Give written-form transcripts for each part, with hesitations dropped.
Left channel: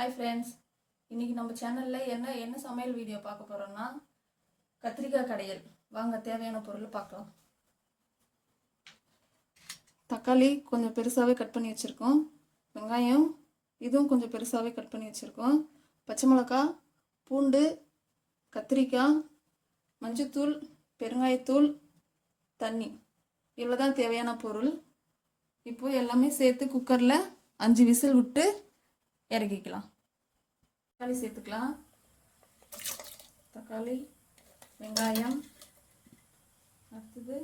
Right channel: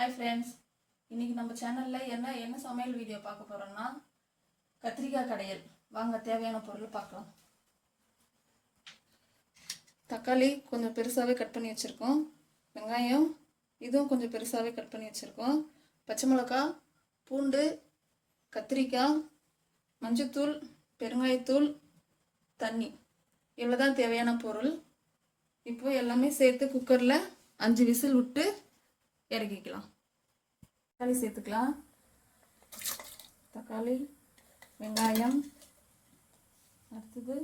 Hi friends, இன்றைக்கி நம்ம சேனலில் என்ன சமையல் வீடியோ பார்க்க போகிறோம்னா கத்திரிக்காய் கடையல். வாங்க தேவையான பொருள் பார்க்கலாம். தக்காளி கொஞ்சம் பெருசாகவே கட் பண்ணி வச்சுருக்கோம். வெங்காயம் இதுவும் கொஞ்சம் பெருசாகவே கட் பண்ணி வச்சுருக்கோம். பச்சை மிளகாய், பூண்டு, கத்திரிக்காய், மஞ்சத்தூள், பெருங்காயத்தூள், தண்ணி, இவ்வளோ தான் தேவையான பொருள். இப்போது எல்லாமே சேர்த்து குக்கரில் 5 விசில் விட்டு இறக்கிக்கலாம். தக்காளி சேர்த்துக்கலாம். தக்காளி, வெங்காயம், அடுத்தது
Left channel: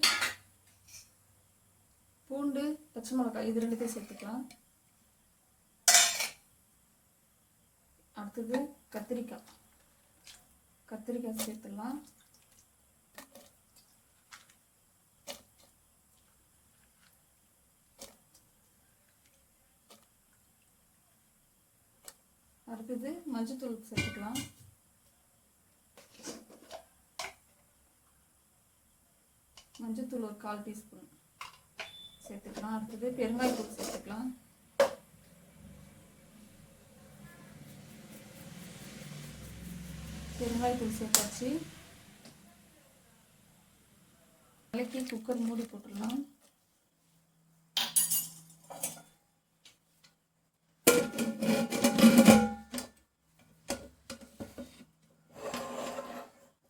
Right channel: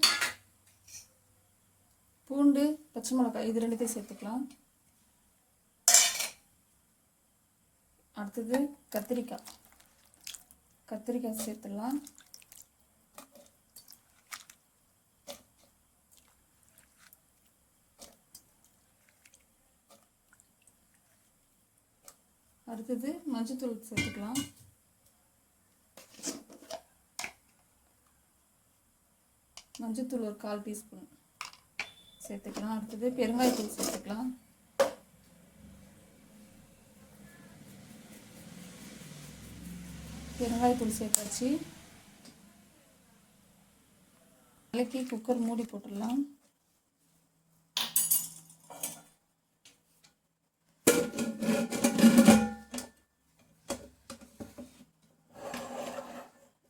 பூண்டு, பச்சை மிளகாய், இது ரெண்டுத்தையும் சேர்த்துக்கலாம். அடுத்தது கத்திரிக்காய் சேர்த்துக்கலாம். அடுத்தது மஞ்சத்தூள் சேர்த்துக்கலாம். மஞ்சத்தூள் ஒரு 1/4 டீஸ்பூன் சேர்த்துக்கலாம். அடுத்தது பெருங்காயத்தூள் சேர்த்துக்கலாம். பெருங்காயத்தூள் சேர்த்தாச்சு. இலக்கி குக்கர் மூடி போட்டுடலாம்.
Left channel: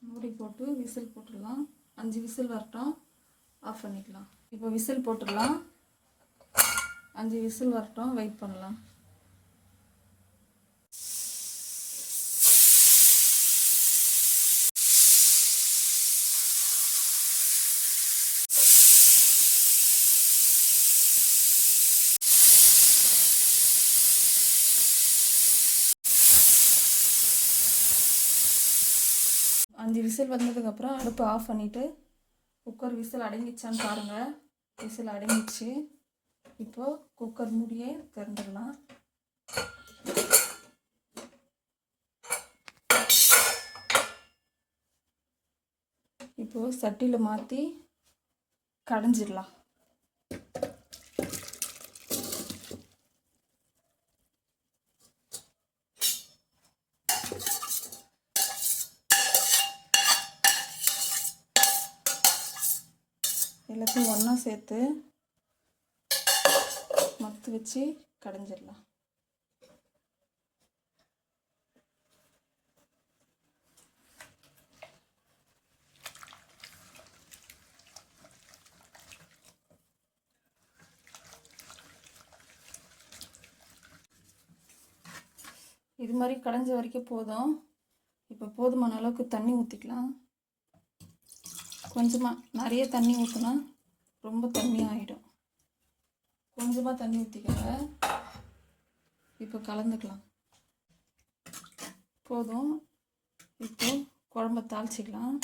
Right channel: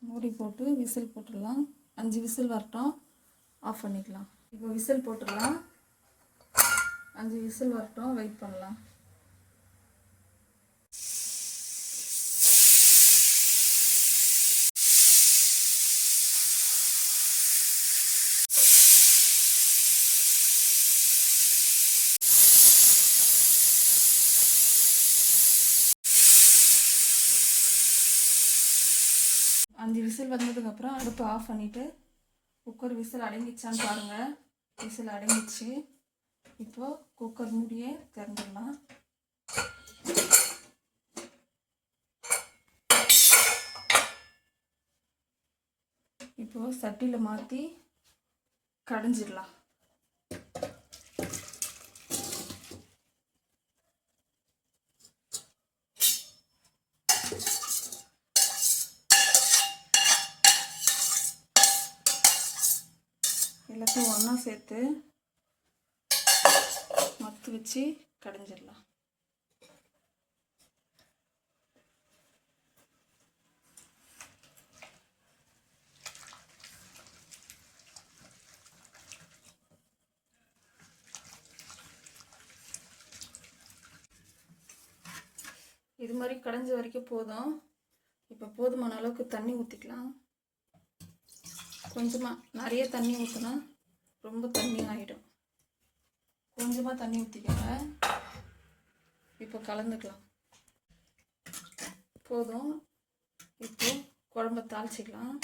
மூடி போட்டு விசில் போட்டுடலாம். 5 விசில் வரட்டும், ஆஃப் பண்ணிக்கலாம். இப்போ விசில் போட்டுடலாம். 5 விசில் வரட்டும், வெயிட் பண்ணலாம். அஞ்சு விசில் வந்ததுக்கப்புறம் அடுப்பு ஆஃப் பண்ணிவிட்டு குக்கர் விசில் அடங்கிச்சான்னு பாருங்கள். விசில் அடங்கிச்சு. இப்போது குக்கர் மூடியே திறந்துடலாம். இப்போது சட்டியில் மாற்றி கடைஞ்சிடலாம். எல்லாத்தையும் ஒன்றா சேர்த்து மத்து வச்சு கடைஞ்சிடலாம். இது மாதிரி கடைஞ்ச வரைக்கும் போதும். இப்போ போதுமான அளவுக்கு தண்ணி ஊற்றிக்கலாம். கொஞ்சமாக, நிறைய தண்ணி ஊற்றினா ரொம்ப தண்ணி ஆகிடும். கொஞ்சமாக தண்ணி ஊற்றிக்கோங்க. இப்போ கலந்துக்கலாம். போதும். இப்போ குழம்ப தாளிச்சிக்கலாம்.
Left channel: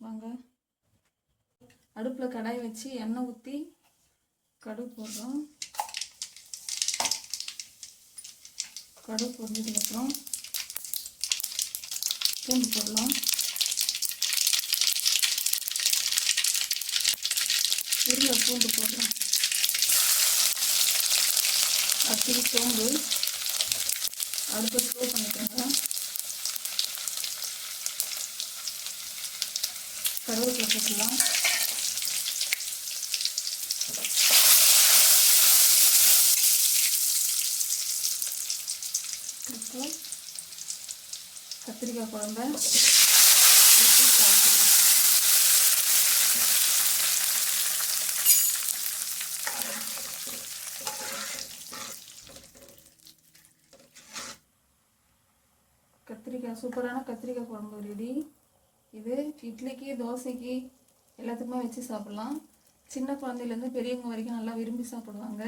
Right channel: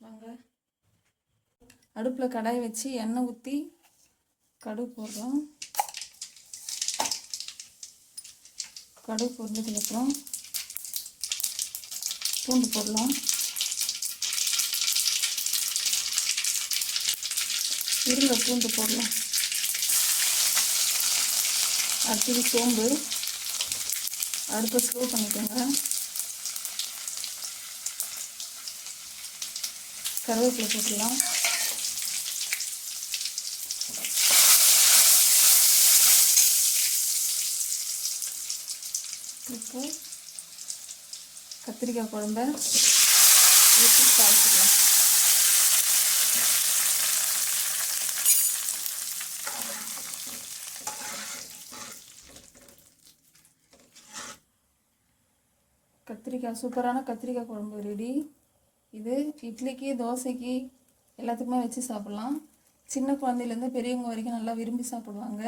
வாங்க. அடுப்பில் கடாய் வச்சு எண்ணெய் ஊற்றி கடுகு போடுறோம். கடுகு போட்டதுக்கப்புறம் பூண்டு போடலாம். இருங்க, பூண்டு போடலாம். அடுத்தது சோம்பு. அடுப்பை ஸ்லோ பண்ணிக்கோங்க. கருவேப்பிலை போட்டுக்கலாம். இப்போ கத்திரிக்காய் குழம்ப ஊற்றி தாளிச்சிக்கலாம். சூப்பரான கத்திரிக்காய் குழம்பு ரெடி. இது இட்லிக்கு, தோசைக்கு எல்லாத்துக்குமே வச்சு சாப்பிட்லாம். சின்ன குழந்தையிலேருந்து பெரியவங்க வரைக்கும் நல்லா விரும்பி சாப்பிடுவாங்க.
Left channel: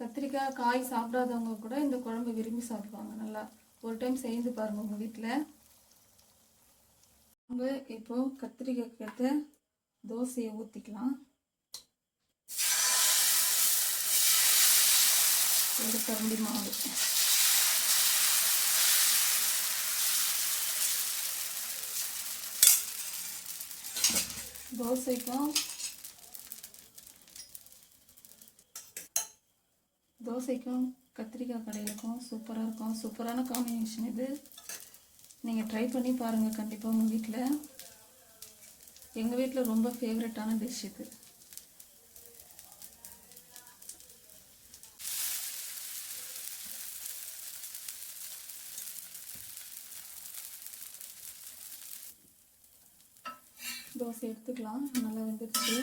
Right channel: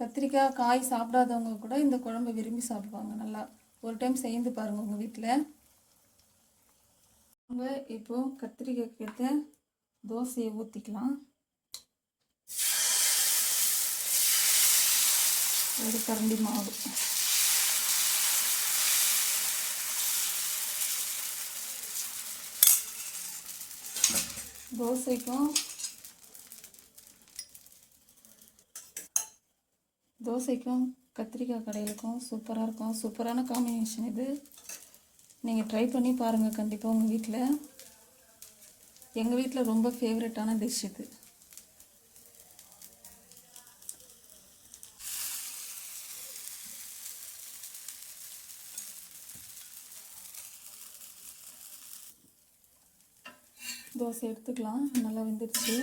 கத்திரிக்காய் காய் சாப்பிடாதவங்க கூட இந்த குழம்பை விரும்பி சாப்பிடுவாங்க. நல்லா ஒரு டைம் செய்து பாருங்கள் உங்கள் வீட்டில். நம்ம இப்போது கத்திரிக்காய் ஏற்ற தோசையை ஊற்றிக்கலாம். ஒரு கரண்டி மாவு. தோசைக்கும் கத்திரிக்காய் கடையிலுக்கும் சூப்பராக இருக்கும். சூப்பரான காம்பினேஷன் இது. நீங்கள் ட்ரை பண்ணி பாருங்கள் கண்டிப்பாக உங்கள் வீட்டில். எங்கள் வீட்டில் ரொம்ப ஃபேவரட்டான டிஷ் இது. தோசை எடுத்துக்கலாம். நல்லா வெந்துடுச்சு.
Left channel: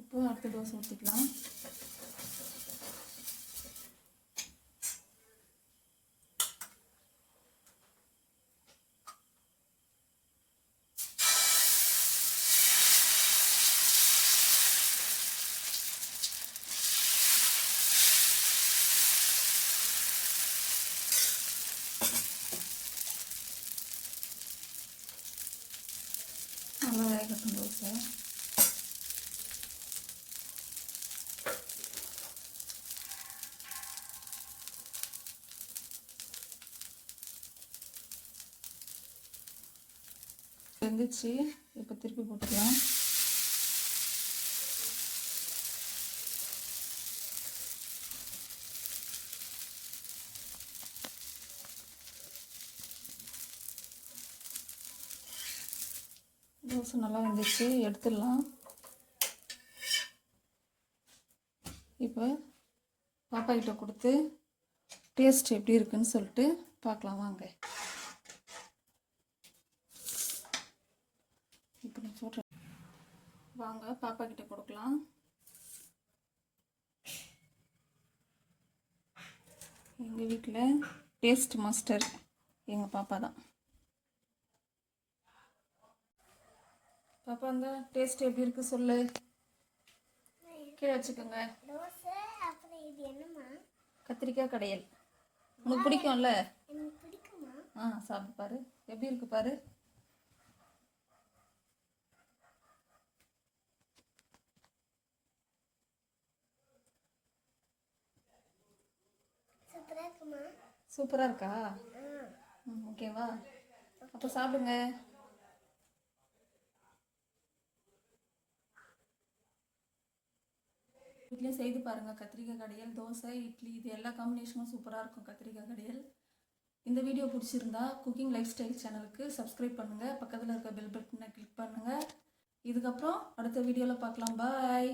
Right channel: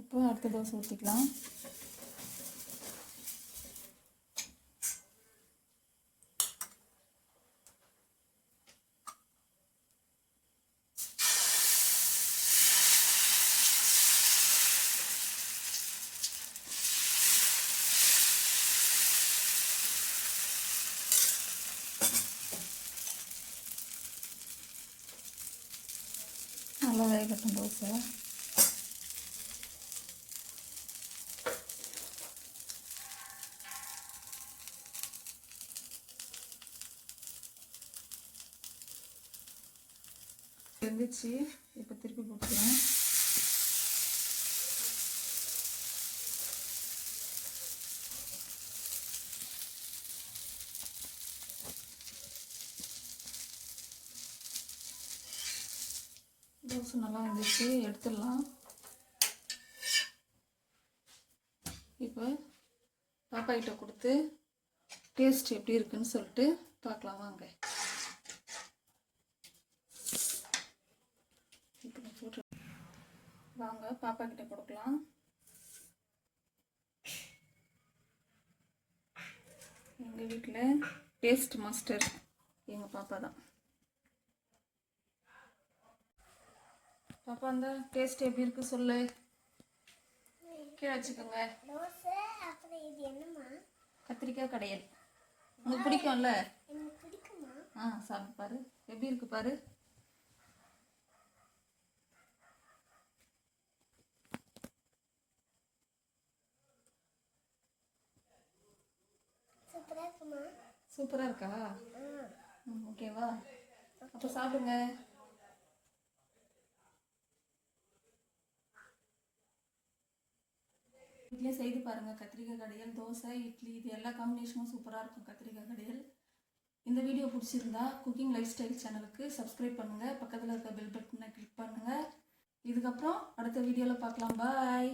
இப்போ அடுத்த தோசை ஊற்றிக்கலாம். நல்லா வேகட்டும் தோசை. வெந்துச்சு. இப்போ திருப்பி போட்டுக்கலாம். தோசை நல்லா வெந்துச்சு, எடுத்துடலாம். இப்போ பாப்பா கிட்ட கொடுத்து டேஸ்ட் எப்படி இருக்குன்னு சொல்லிட்டு பார்க்கலாம் வாங்க. இப்போ நான் சொல்கிறேன் வாங்க, பாப்பா கிட்ட கொடுக்கலாம். எங்கள் வீட்டில் டேஸ்ட் மாஸ்டர் எங்கள் பாப்பா தான். பாப்பா இந்த டேஸ்ட் எப்படி இருக்கு சொல்லு. கீழே வச்சுக்கோங்க. கத்திரிக்காய் கடையல் உனக்கு பிடிக்கும்ல? சாப்பிட்டு பாரு எப்படி இருக்கு பாரு. சூப்பரா இருக்கா? ஓகேவா? அப்போ சாப்பிடுங்க. வீட்டிலே செய்து பாருங்கள். கத்திரிக்காய் கடையல், தோசை, இட்லி, இது எல்லா காம்பினேஷனும் சூப்பராக இருக்கும் கத்திரிக்காய் கடையல். இந்த வீடியோ பிடிச்சிருந்தா குக்கிங் லைஃப் ஸ்டைல் சேனலுக்கு சப்ஸ்கிரைப் பண்ணுங்கள். பக்கத்தில் இருக்க பெல் பட்டனை கிளிக் பண்ணுங்கள். இதுக்கப்புறம் அடுத்த வீடியோவில் பார்க்கலாம். பாய்.